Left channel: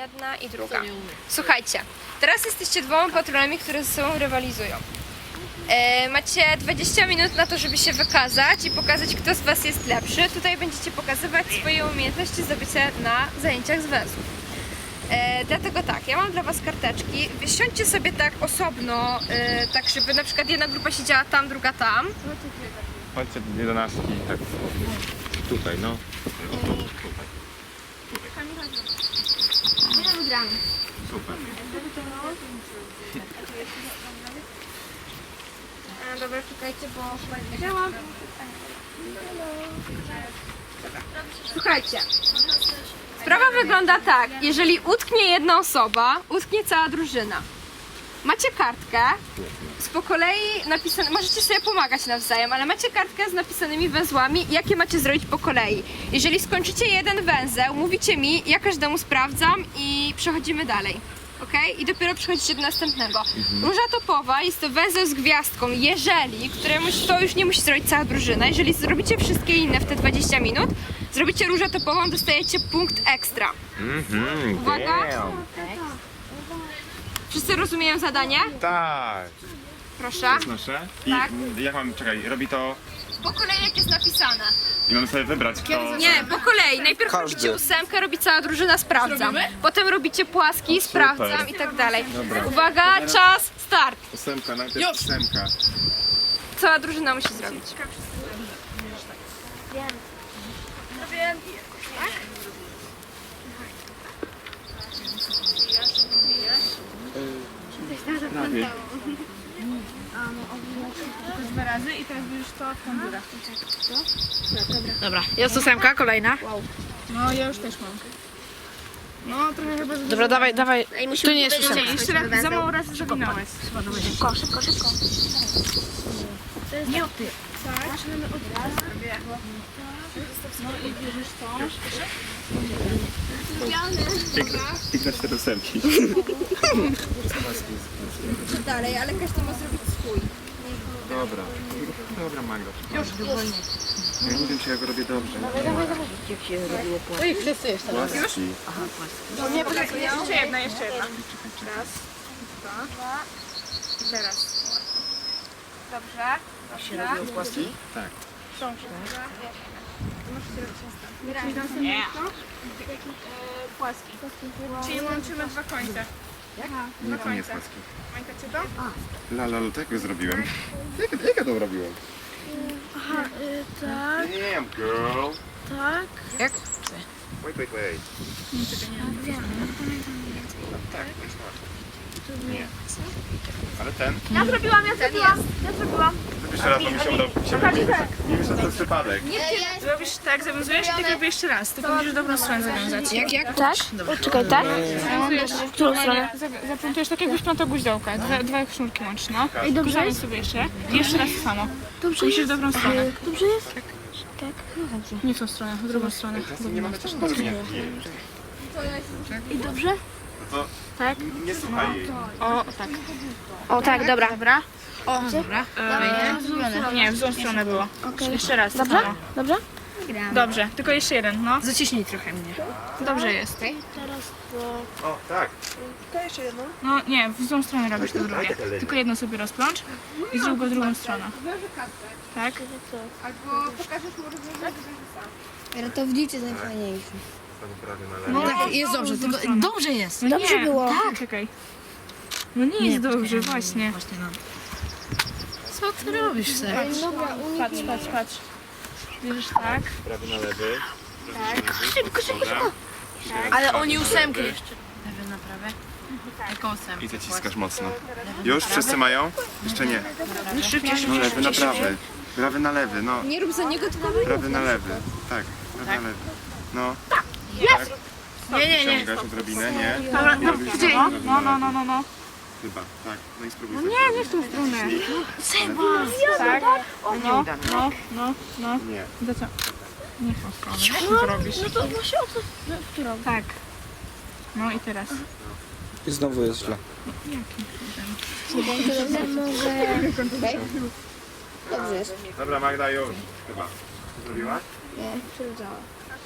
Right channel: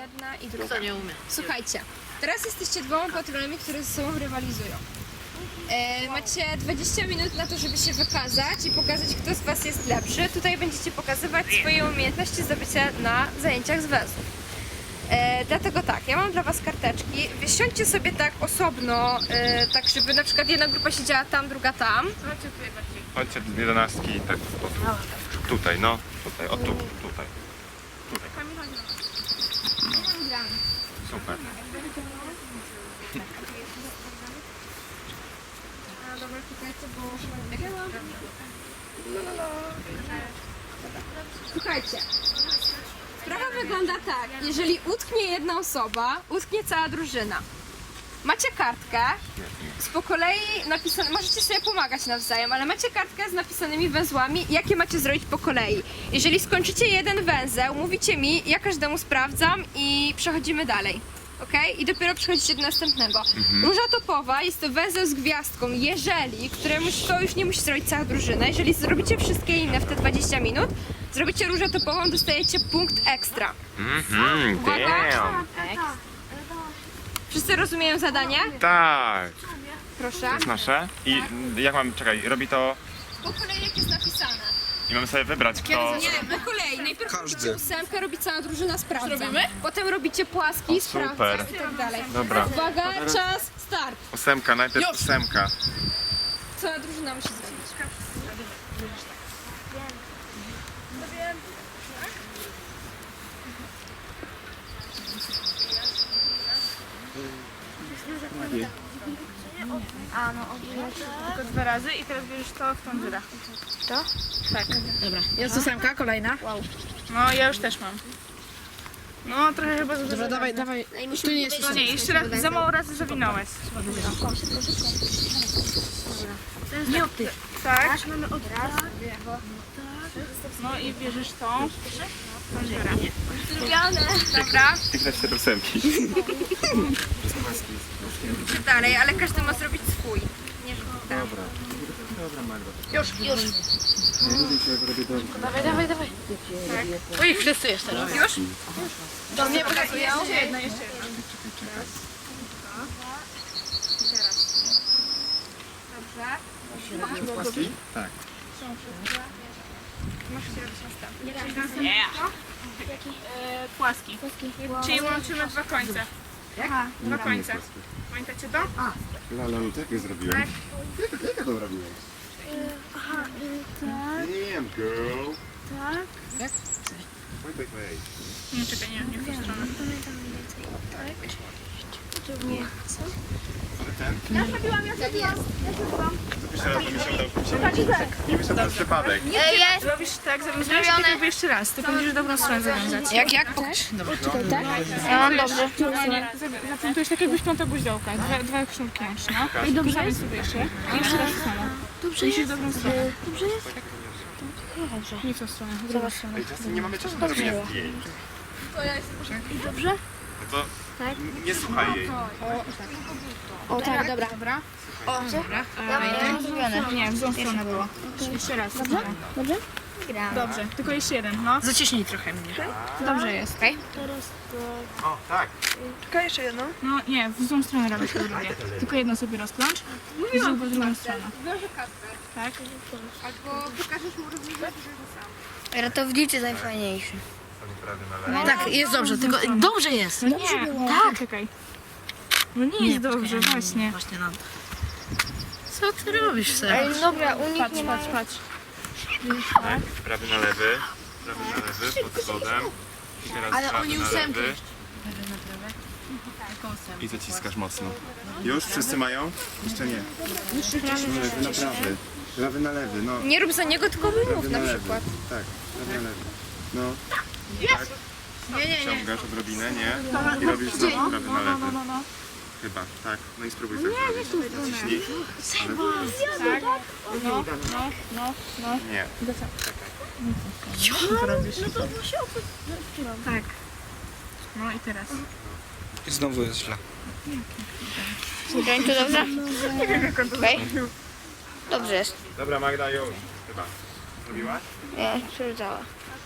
jedna i druga. Słuchajcie, teraz jesteście dwoma patronami, które ze sobą rywalizują. E, macie 20 minut na to, żeby się wykazać i pokazać, kto z Was jest lepszy. Tutaj będziecie pokazywać swoje umiejętności zdobycia na zajęciach z węzłów. E, dlatego tak, ja mam dla Was karteczki. Wysiądźcie sobie tak osobno, e, tak żeby na przykład jedna grupa siedziała tam, druga tam. Macie dwie jedenastki, tak w Tutaj, no, tutaj, o tu, tutaj. Tutaj. Nie Super. Super. Słuchajcie, sprawa wygląda tak, jeżeli utknie jedna osoba, utknie cała drużyna macie kartkę z po kolei napisane, możecie sobie pomagać nawzajem, ale macie kartkę z napisanymi węzłami, jakie macie zrobić po kolei. Jeżeli skończycie jeden węzeł, mówicie mi, ja każdemu sprawdzam i przechodzimy dalej. Ok? I dopiero przechodzicie do następnego. Mhm. Róża topowa jest to węzeł z gwiazdką, jeżeli, któremuś to już nie musi zrobić cała drużyna, jeżeli zrobicie wszystkie inne w te 20 minut, zrobicie różę topową, dostajecie punkt ekstra. Mhm. Uwaga! Damn. Wszyscy rozumieją zadanie? O, tak. Proszę. To jest nasze. Tak. jak mam, czekaj, robi to. Po kolei jak jest napisane. I mam sobie wybrać, tak, kto... Nie, zagadamy. po kolei. Najpierw Każdy. ósemkę, robi cała drużyna, sprawdzam. Potem robicie płaski, o, sprawdzam i tak ja dalej. Osiem. Dobra. Uwaga, Dobre. czas, start. Ósemka, najpierw Już. ósemka. Cała drużyna musi zrobić. Wiem. Wiem. Tak? Hmm. Myślę, że A no, się no. tylko dwa razy i teraz będziesz to w konzurach. To? Tak, dobra. Dobra. Jest ósemka, kolejna. Wow. No, ja już też mam. No, trochę chyba za Dobra, zgodę. dawaj, dawaj. Tu nie wody. jest ósemka. jeszcze za mało razy zawinąłeś. Szybko, szybko, szybko. szybko. szybko. szybko. szybko. szybko. Nie tak. Ty. Tak. od tych. Tak. No i bierzesz tą. Lubiane. Dobra. Piękna się do Dalej, ale każdy ma zrobić swój. Nie. Dobra. Dobra, Magda. Już, już. Ja nie wiem, czy ja go robię dobrze. Dawaj, dawaj, dawaj. Tak. Oj, wszyscy jeszcze. Płaski. Już? Aha, płaski. Do mnie brakuje. Jeszcze jedna, jeszcze jedna. No, czekaj, czekaj, czekaj, Dwa. I teraz dobrze. A się robią tak. tak. tak. no yeah płaski? płaski? y uh, y tak. Są Masz się Nie. Płaski. Czyli łączymy dwa końce. Jak? Nie, to nie jest płaski. Pamiętacie La, la, la, tak zrobiłem. Jak, jak ja to zrobiłem? Aha, y, tak. Damn, girl. Tak. Jak? Wait, wait, wait. Lee, I nie, czekaj, nie, nie, nie, nie, tu nie. Co? Ale ten. Tak nie. Robiłam, ja tak zrobiłam, tak ja zrobiłam, ja zrobiłam. Jeszcze raz, bo się udał. Nie wiem, ten przypadek. Nie, jest. Robisz tak, zawiązujesz tylko tak jeszcze raz. Ty musisz dobrą stronę zawiązać. Jak, jak? Zawiązać. Tak? Poczekaj, tak? Zaprątujesz tak, jakbyś piąta guziołka. Dwa, no. dwa, dwa sznurki łączno. No. I dobrze Kórzawiam jest? sobie jeszcze. I jeszcze raz samo. Dobrze Skupisz jest? dobrą stronę. Okay. Dobrze jest? Tak. Tak, dobrze. Nie w tą stronę, w drugą stronę. Nie mam też dobrze. I dobrze? Tak? nie no, słuchaj no, tak. O, tak. O, tak, tak, dobra. O, tak dobra. Dobra. O, dobra. E, nie, w, w złą stronę było. Ok, jeszcze ok, raz. Dobra? Dobrze? Dobrze, tylko jeszcze jeden, no. Zaciśnij trochę mnie. Dobrze jest. No, okay. Teraz tak. To... O, tak. Tylko jeszcze jedno. No nie, w złą stronę robisz no, to drugie. Tak? Tylko jedno sobie rozplącz no, no, i zrób go no, no, drugą stronę. Tak? Albo pokażesz no, mu rozwiązanie, że sam. Ratownicy no, tak, jest dobrze, no, tylko, dobrze tylko dobrze jest. No dobrze nie, było. Tak. Czekaj. No nie jest nie, dobrze, dobrze, właśnie. właśnie no. Co ty no, robisz, Sarah? Ej, no, patrz, no patrz, patrz, patrz, patrz. Tak. tak? Prawy na lewy. Prawy na Ale oni ósemki. Lewy na prawy. I zaciskasz mocno. Już? Wszyscy mają? Jeszcze nie. No lewy na prawy. Lewy na lewy, no. Nie rób za niego, tylko wyjmów Prawy na lewy. Tak, podporam, tak. Na lewy, lewy na tak, lewy. No. Tak? Lęk? Nie, nie, Wysiąc nie. Wyciągasz odrobinę, nie? No. I robisz no, no, no, no. na lety. no, no, no, no, no. Chyba, tak. No i spróbuj zrobić. No, nie, nie, nie, nie. No. Ale... Nie, to... tak? no, no, no, no, no. nie, co? nie. Nie, nie, nie. Nie, nie, nie. Nie, nie, nie. Nie, Tak. No i teraz. I znowu jest źle. Jakie problemy? Nie wiem, jak on ja? to okay. Dobrze jest. Dobra, Magda, już. Chyba. Zrobiłaś? Nie, przerzucała.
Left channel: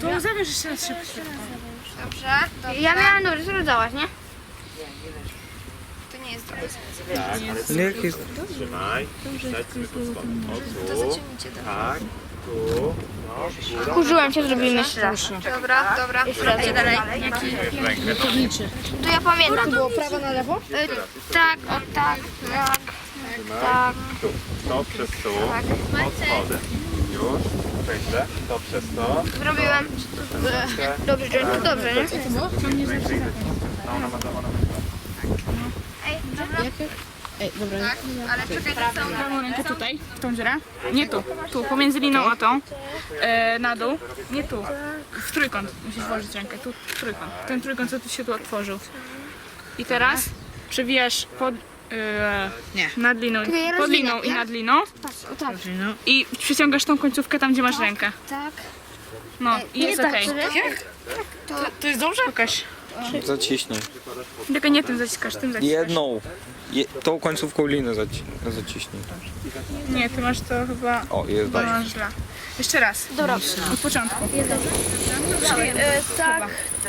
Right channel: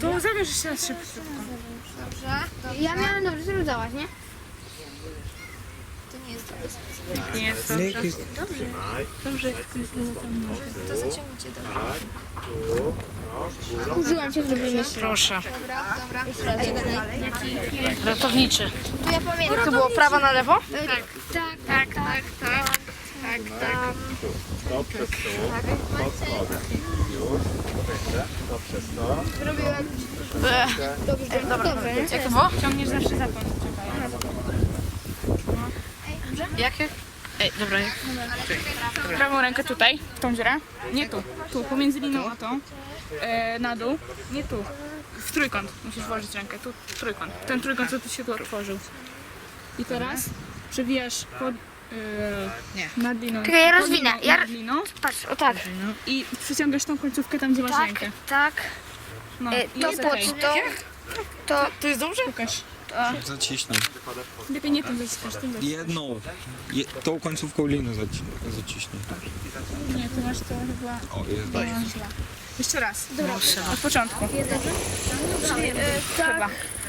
To ja. zabierz jeszcze raz szybko. Dobrze. Dobrze. Ja miałam dobrze, żeby dałaś, nie? To nie jest dobrze. Tak, nie jest dobrze. Dobrze. Dobrze. Dobrze. Dobrze. Dobrze. Dobrze. Dobrze. Dobrze. Dobrze. Dobrze. Dobra, dobra. Dobrze. dalej. Jaki? Ratowniczy. Tu ja pamiętam. Góra, to było prawo na lewo? E, tak, tak, Dobrze. Tak, tak. Tak, tak. Tak, tak. Tak, tak już. Odejdę. Dobrze, sto. Zrobiłem. Dobrze, dobrze, no dobrze. To. To dobrze no, Jak to było? Ciągniesz zawsze za tą. <|ja|> no, no. Jakie? Ej, dobra. Rza. Prawą Rza. rękę tutaj, w tą dziurę. Nie Prawą tu. Tu, pomiędzy liną a tą. na dół. Nie tu. W trójkąt musisz włożyć rękę. Tu, w trójkąt. Ten trójkąt, co ty się tu otworzył. I teraz przewijasz pod, Eee, nie. Nad liną. Tylko ja... i nad liną. Patrz, tak, o tak. I przyciągasz tą końcówkę tam, gdzie masz tak, rękę. Tak. tak. No, i jest okej. Okay. Tak? To, to, to, to, to, jest dobrze? Pokaż. Zaciśnij. Tylko nie tym zaciskasz, tym yeah, no. Jedną. tą końcówką liny zaci zaciśnij. Nie, ty masz to chyba... O, do Jeszcze raz. Do no, dobrze. Od początku. Jest dobrze? To, czyli, e, tak, chyba.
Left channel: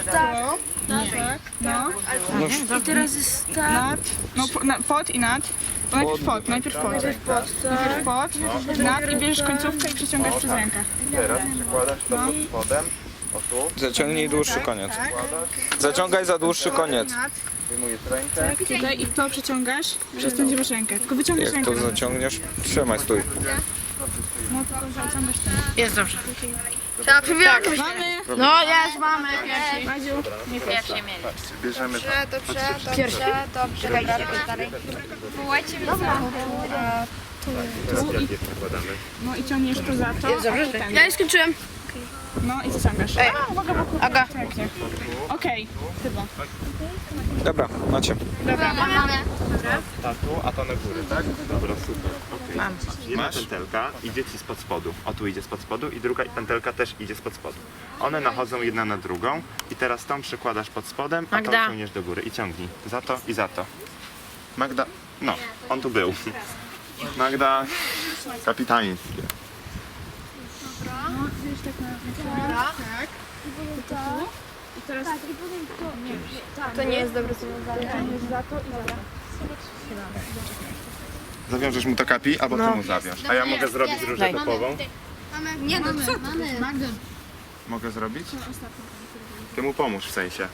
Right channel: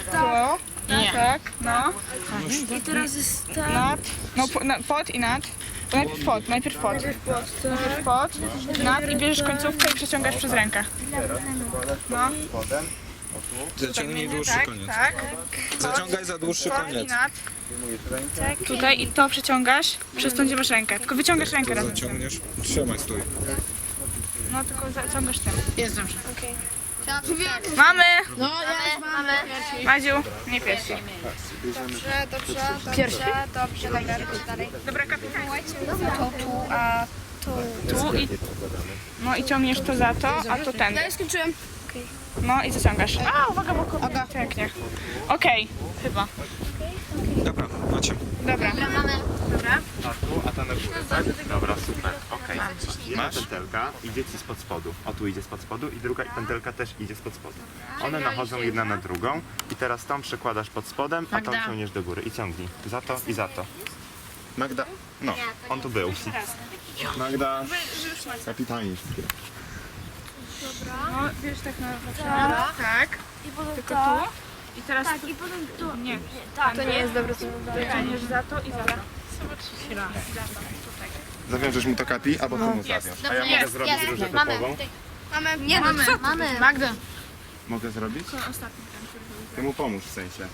tak. To. Nie. Tak? No. Tak, no tak. I teraz jest tak. Nad. No, pod i nad. No, najpierw pod, najpierw pod. Najpierw pod, nad i bierzesz końcówkę i przeciągasz przez rękę. No. Zaciągnij dłuższy koniec. Tak. Zaciągaj za dłuższy koniec. Tutaj i to przeciągasz, przez tą masz rękę. Tylko wyciągasz rękę. Jak rękę. To zaciągniesz, trzymaj, stój. No tylko zaciągasz ten. Jest dobrze. Okay. Tak, tak, tak, mamy. No, mamy. No, mamy. No, jest, mamy. Maziu, nie pierwszy. Dobrze, dobrze, dobrze, dobrze, dobra, dalej. Dobra, kapitułajcie mi za a tu, a tu. Tu i... No i ciągniesz to za to, a tu ten. Ja już skończyłem. No i zaciągasz. Ej. A, uwaga, bo kupię. Aga. Okay. Chyba. Dobra, macie. Dobra. Dobra. Ta tu, a ta na górę, tak? Dobra, super. Okej. Okay. Mam. Jedna pętelka idzie ci spod spodu. O, tu idzie spod spodu i druga pętelka też idzie spod spodu. One nachodzą jedna na drugą i teraz tą przekładasz pod spodem, a tą Magda. do góry i ciągnij. Za to i za to. Magda. No, on tu był. Magda, kapitańskie. No, wiesz tak na ramię. Tak, tak. tak. I to. I teraz tak, I to. Nie. Już. Tak. To nie jest, jest. dobre Zawiążesz mu to kapi, albo no, ty mu zawiążesz, A ja Dobrze, mogę, jest, zrobić jest. Nie, no, mogę zrobić jest. różę topową. Mamy, mamy, nie, mamy, co mamy. Mogę zrobić? Ty mu pomóż w sensie.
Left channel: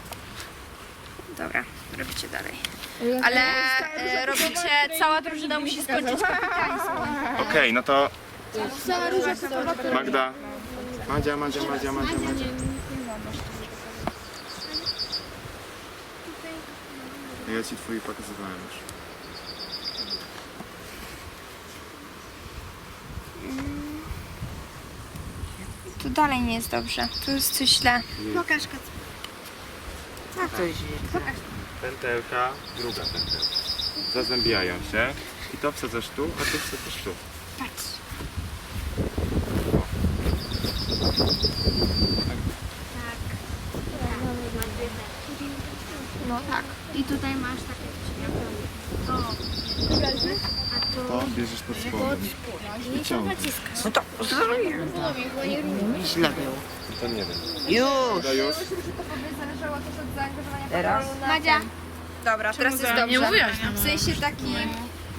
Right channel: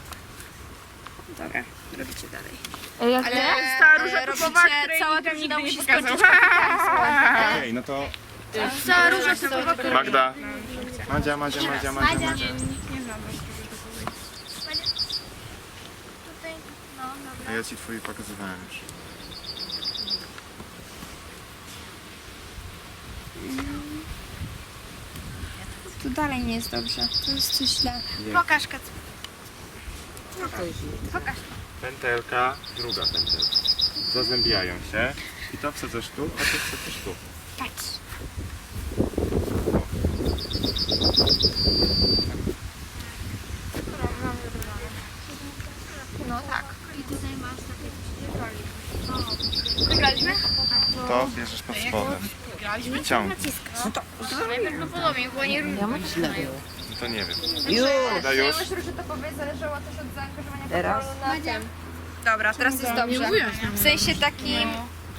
No, dobra, robicie dalej. Ja Ale, tam robicie, tam, tam, tam robicie cała drużyna musi skończyć kapitańską. Tak? Okej, okay, no to Róża się Magda. Madzia, Madzia, Madzia, Madzia, Madzia. A ja ci twoje pokazywałem już. Tu dalej nie jest dobrze. Tu jest coś źle. Dla... Pokaż, Co to jest? Pętelka, druga pętelka. Zazębiają się. I to wsadzasz tu, a to wsadzasz tu. Patrz. I tutaj masz takie wciśnięcie. O, A to To bierzesz pod spodem. Wyciągnij. No to I I to zrobimy. Do... Ja źle było. No to nie wiem. Już! Ja już. myślę, że to powie zależało też od zaangażowania Teraz? Na Dobra, teraz jest dobrze. Nie Do... mówiłaś Do... W sensie takim...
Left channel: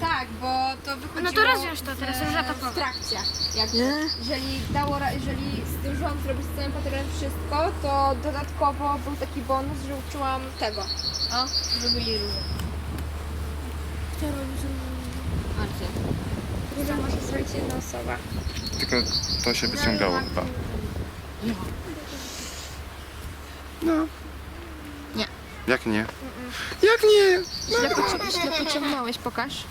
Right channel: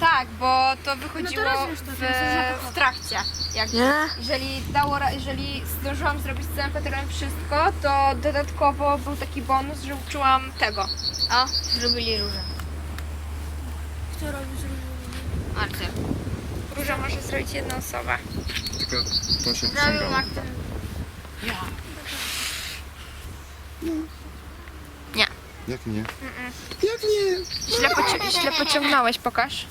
Tak, bo to wychodziło no to to, w, tam, już w trakcie. Jak nie? Jeżeli, dało, jeżeli zdążyłam zrobić z całym patronem wszystko, to dodatkowo był taki bonus, że uczyłam tego. A? Zrobili różę. Kto robi z różą? Róża może zrobić jedną osobę. Tylko to się wyciągało Zabry, no, tak. chyba. Ja. No. Jak nie? Jak nie? Mm -mm. Jak nie? No. Źle, poci źle pociągnąłeś, pokaż.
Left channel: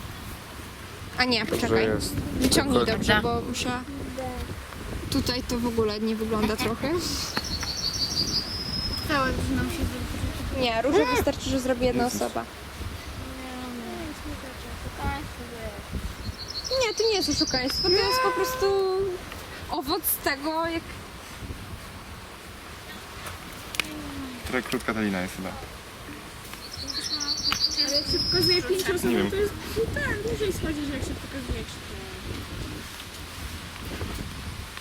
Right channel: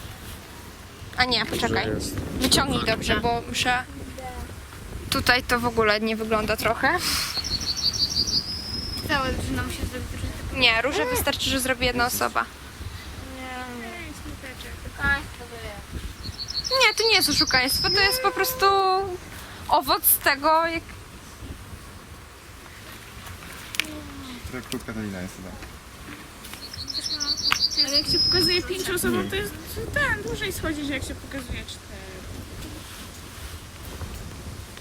A nie, poczekaj. Wyciągnij dobrze, bo muszę. Yeah. Tutaj to w ogóle nie wygląda okay. trochę. Cała drużyna musi zrobić żeby... Nie, róże yeah. wystarczy, że zrobi jedna yes, osoba. Yeah. Yeah. Yeah. Nie, to nie jest oszukaństwo, to yeah. jest po prostu owoc tego, jak. Która krótka ta lina jest chyba. Żeby... Ale jak się pokazuje pięć osób, to jest no ten, dłużej schodzi, jak się pokazuje cztery.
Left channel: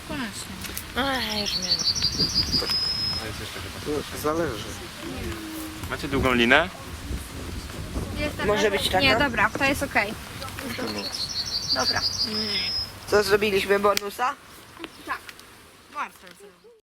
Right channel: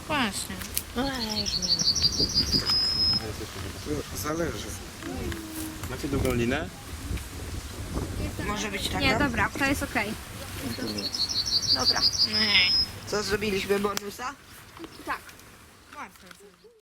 Właśnie. Tak. A jest jeszcze chyba. zależy. zależy. zależy. Nie. Macie długą linę? Jest taka, Może być taka? Nie, dobra, to jest ok. Okay. Dobra. dobra. Co zrobiliśmy, Bonusa? Tak. Bardzo.